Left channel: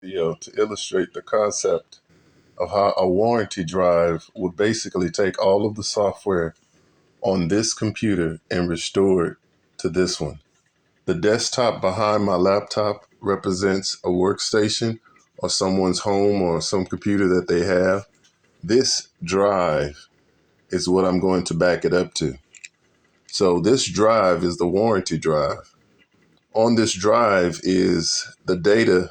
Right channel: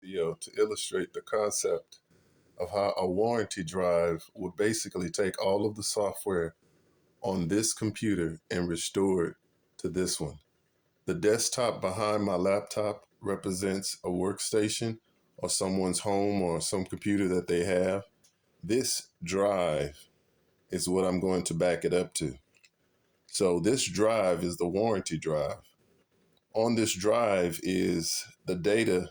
Video to illustrate the concept of how a warranty drive would basically take all of the software on this computer and restore it to this one. The desktop behind my laptop represents a workstation or someone's home or some computer that they have. This drive is what I'm going to back it up to. So this drive is the warranty drive. On this drive is the data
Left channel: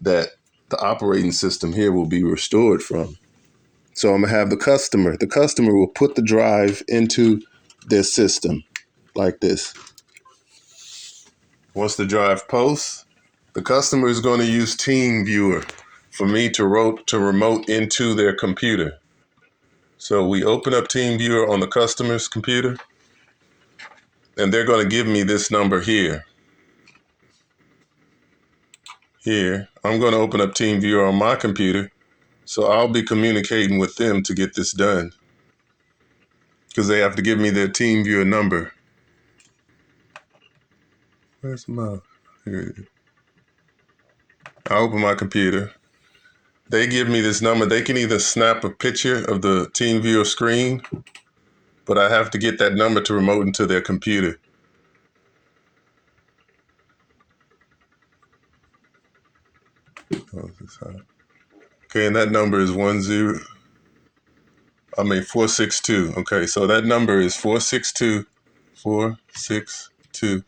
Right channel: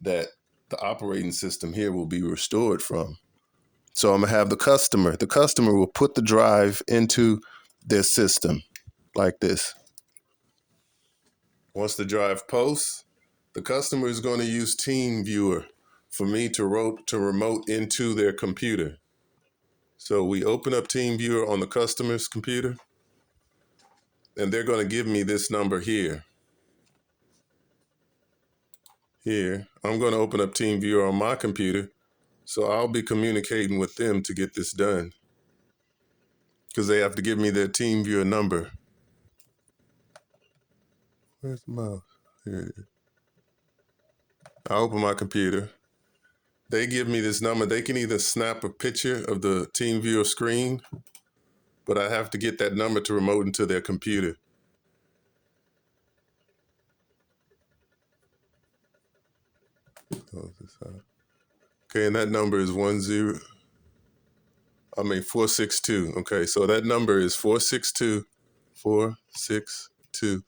that the operating system here will be restored from. So I'm gonna have the customer. The customer will put the drive into their system like this. Once the drive posts, the customer is going to use TeamViewer for me to remote into their computer. So we open up TeamViewer on the customer's computer, and they're going to give me this number here. Here, I'm going to open up TeamViewer on my computer, so I'll be communicating with them to get this done, because they have to give me their TeamViewer number. Where's the mouse? Here it is. I open my computer. They give me this number. They can either snap a picture of the TeamViewer screen, but I have to get that number to remote into their computer. Okay, and that number is 462. Okay, so that number is 462 462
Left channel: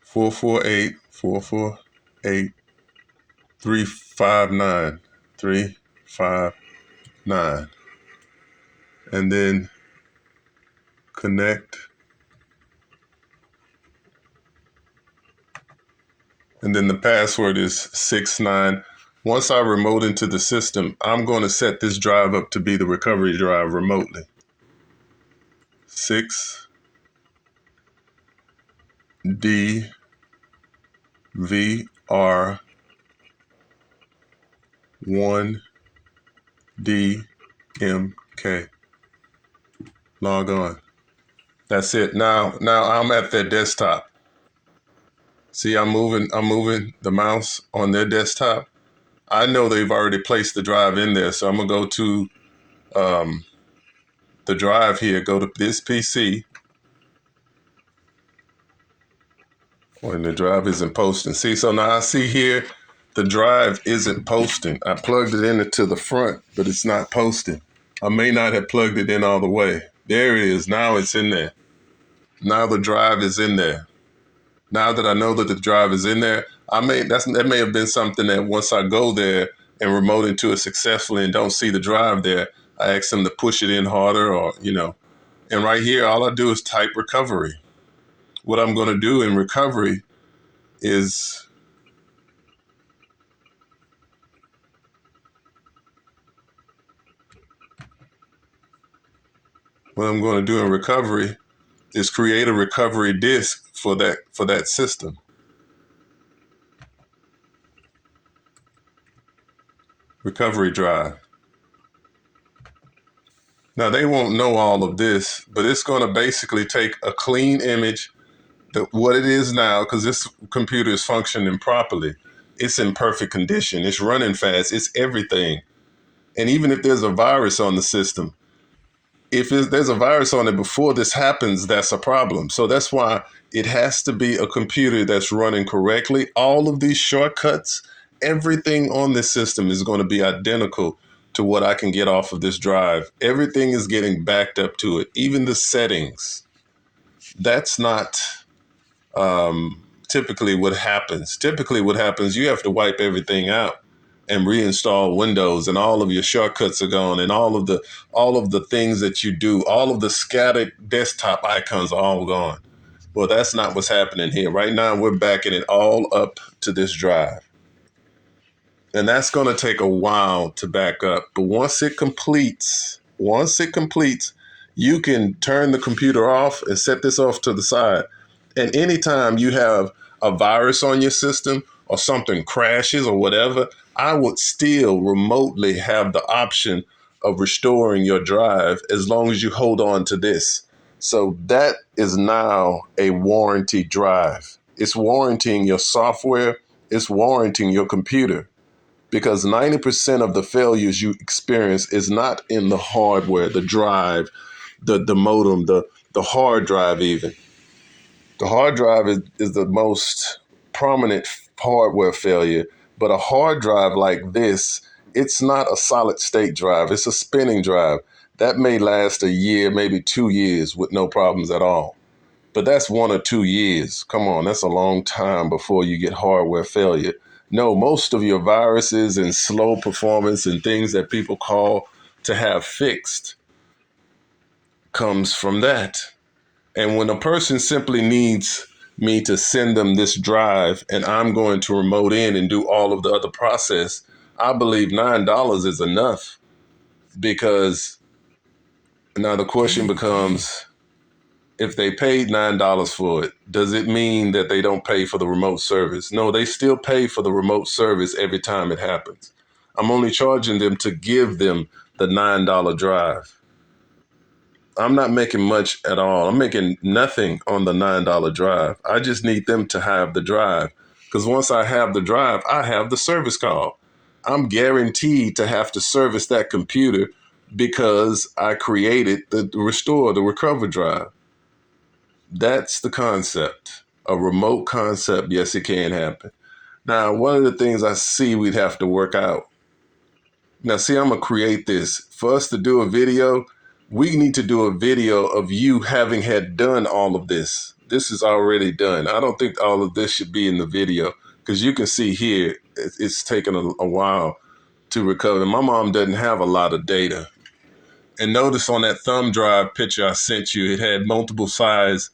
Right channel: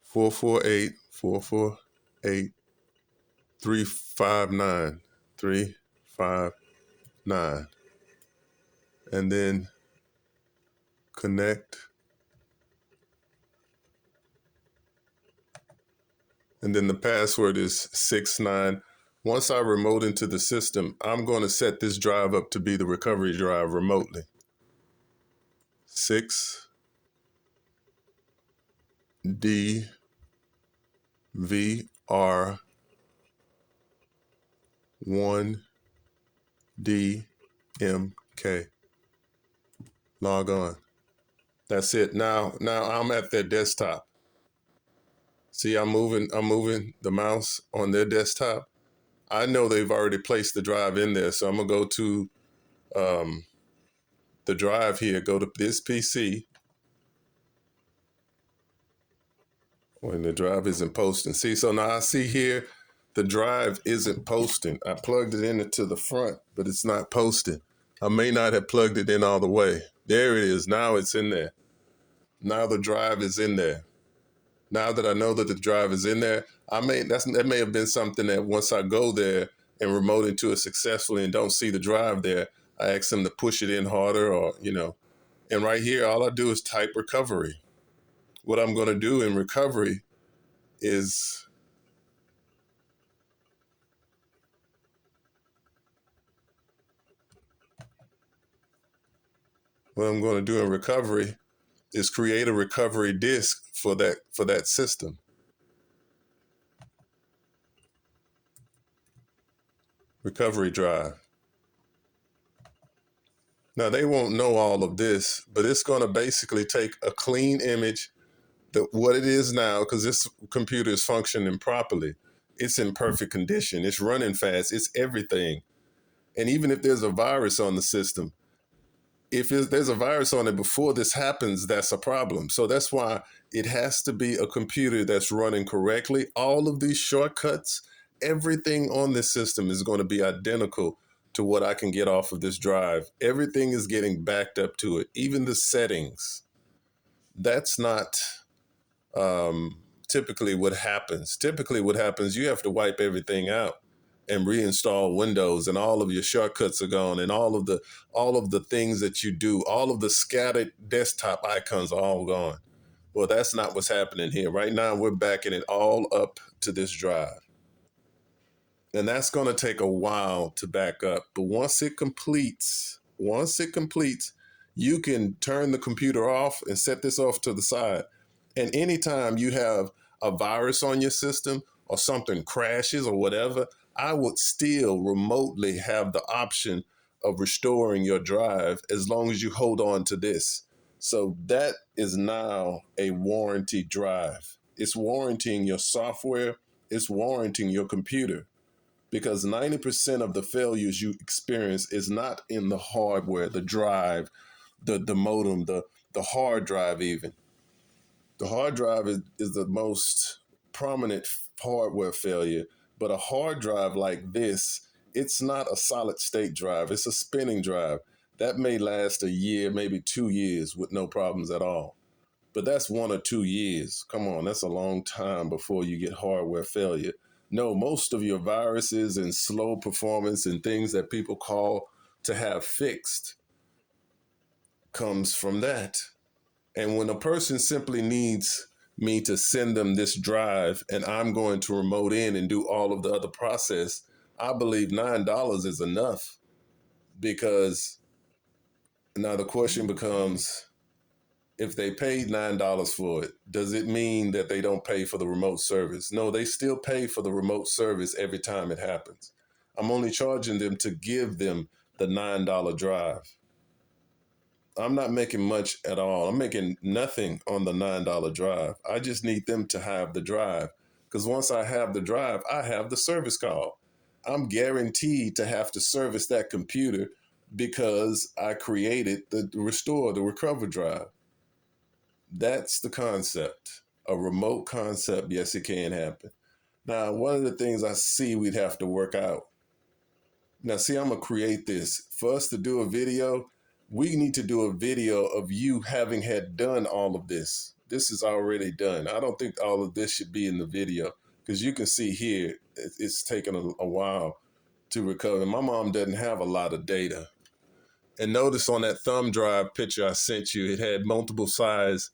448 448 359 359, and then connect, and then the password is 69. Once I remote into the system, I'm going to set this drive up to be the recovery drive remotely. 6DVR1DMK. Log on. That's it. Now I'm at their desktop. See, I'm moving the mouse on their desktop. I know they've already placed the drive in there, so I'm gonna go to the drive here, go to this PC. When the drive isn't posting. See, so now I see here, the drive isn't posting. I plugged it into the front, but it's not posting. I may not have plugged it in all the way. There it is, now it's in there. Now the drive is in there. Now that I know that the drive is in there, that may have been something that once I go there and remote into it successfully and don't see the drive there, I ask them to push it in harder, or, and right here, all I do is type recovery. What I'm going to do in recovery is create a recovery disk for that system. Recovery drive. Now they won't know all of this, but it's going to basically take a clean image, what it is now, because this computer is functioning properly. It's in perfect condition. It's running fast. It's everything. And even if there's a virus on the system, if there's a virus on it before this happens, that's a problem. So that's why it has to be a computer that's running correctly. All of these shortcuts, everything on this system is going to be identical to what I can get off of this drive. Everything is getting backed up to it, even the settings. That's not typically what happens. Typically what happens, you have to wipe everything out and reinstall Windows, and all of your shortcuts are gone, and all of the things that you do, all of the scattered desktop icons are all gone. Well, that's not what's happening here. Right now, we're backing it all up to this drive. And that's going to take a while to back up. But once it completes, you can turn the computer off and set this off to the side. And anytime you have a virus on your system or something crashes or whatever, I would still remotely have the option of restoring your drive as long as you hold on to this. So that is now a warranty drive. It's warranting your software It's warranting your computer, because 90% of the failures you experience is not in the hardware, the drive, the modem, the hard drive even. The hard drive is the most prominent hardware failure, but a hard drive like this, it's not a solid state drive, it's a spinning drive. That may last a year, maybe 2 years with no problems at all. But that's 1 or 2 years. Come on, that's a long time before you get hardware failure. No, most of your viruses and slow performance and things that people call to have fixed comes from that. And when a person simply needs me to send them this drive and I'm going to remote in and do all of the other process, I believe $9 is enough. Because now the question becomes, if they paid $9 for it, does it mean that they don't pay for the remote service? No, they still pay for the remote service every time it happens. I'm only charging them to give them the $9 drive. I'm not making much at all. I'm making nothing on the $9 drive. I just need them to have the drive. Because once I have the drive, I have the service call. I'm guaranteed to have to service that computer because I created the restore, the recover drive. That's the concept. A remote concept, yes, it can happen. Now, one of the things I see we'd have to work out. Now, see, I'm going to create this. For us to do a video, we need to do a video of you having had done all of this. This is already done. I don't think all of this should be in the video, because you can see here, it's taken a while to recover. My mom doesn't have a lot of data. And notice on that thumb drive picture I sent you, it had multiple size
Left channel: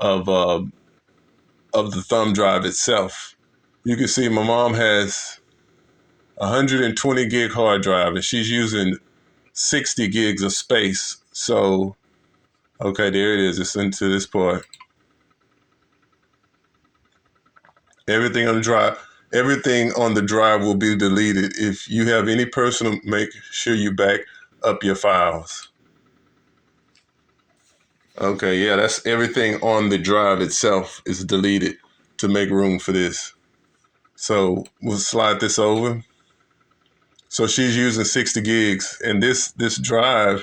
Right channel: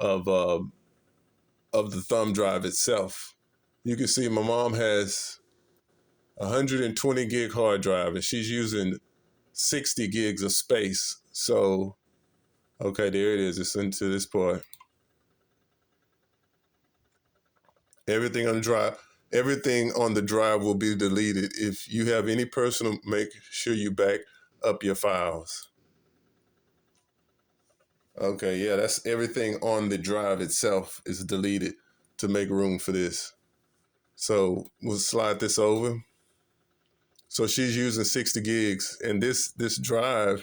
of the thumb drive itself. You can see my mom has 120 gig hard drive and she's using 60 gigs of space. So, okay, there it is. It's into this part. Everything on the drive will be deleted. If you have any personal, make sure you back up your files. Okay, yeah, that's everything on the drive itself is deleted to make room for this. So we'll slide this over. So she's using 60 gigs, and this drive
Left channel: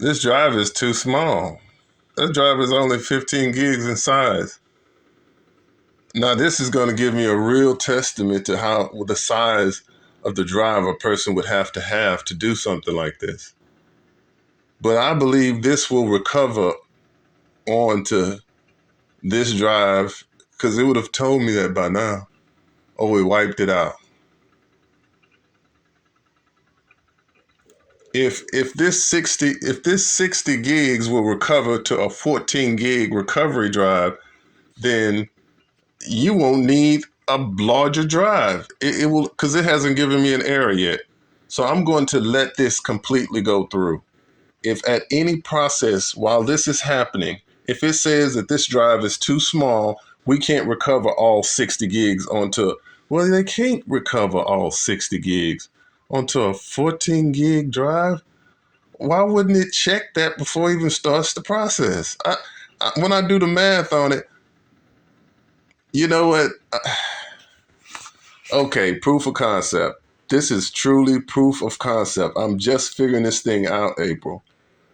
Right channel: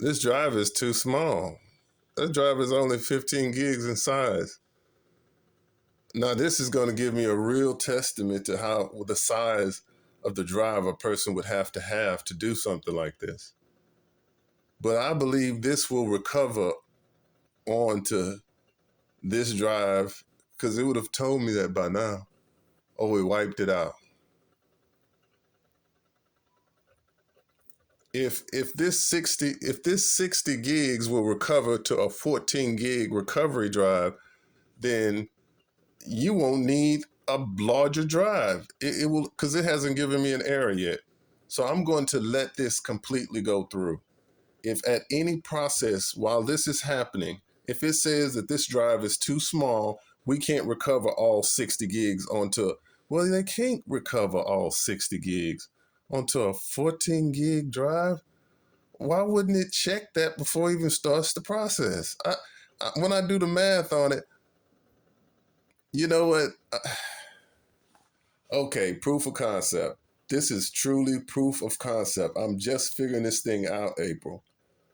is too small. That drive is only 15 gigs in size. Now this is going to give me a real testament to how the size of the drive a person would have to do something like this. But I believe this will recover onto this drive, because it would have told me that by now. Oh, we wiped it out. If this 60 gigs will recover to a 14 gig recovery drive, then you won't need a larger drive. It will, because it hasn't given me an error yet. So I'm going to let this completely go through. If at any process while this is happening, if it says that this drive is too small, we can't recover all 60 gigs onto, well, they can't recover all 60 gigs onto a 14 gig drive. Why wouldn't it check that before it even starts the process? When I do the math on it, you know what? Okay, proof of concept. This is truly proof of concept. I'm just figuring this thing out, April.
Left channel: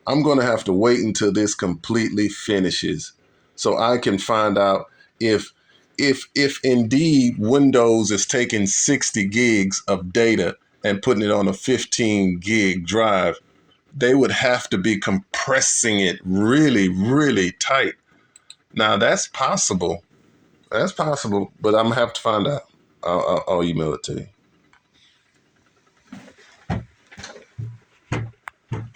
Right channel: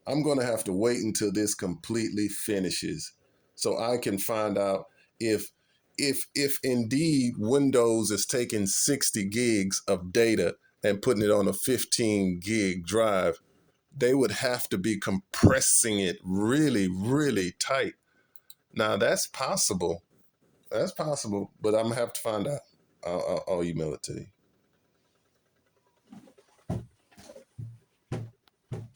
I'm going to have to wait until this completely finishes so I can find out if indeed Windows is taking 60 gigs of data and putting it on a 15 gig drive. They would have to be compressing it really, really tight. Now that's possible. That's possible, but I'm gonna have to find out. I'll email it to you.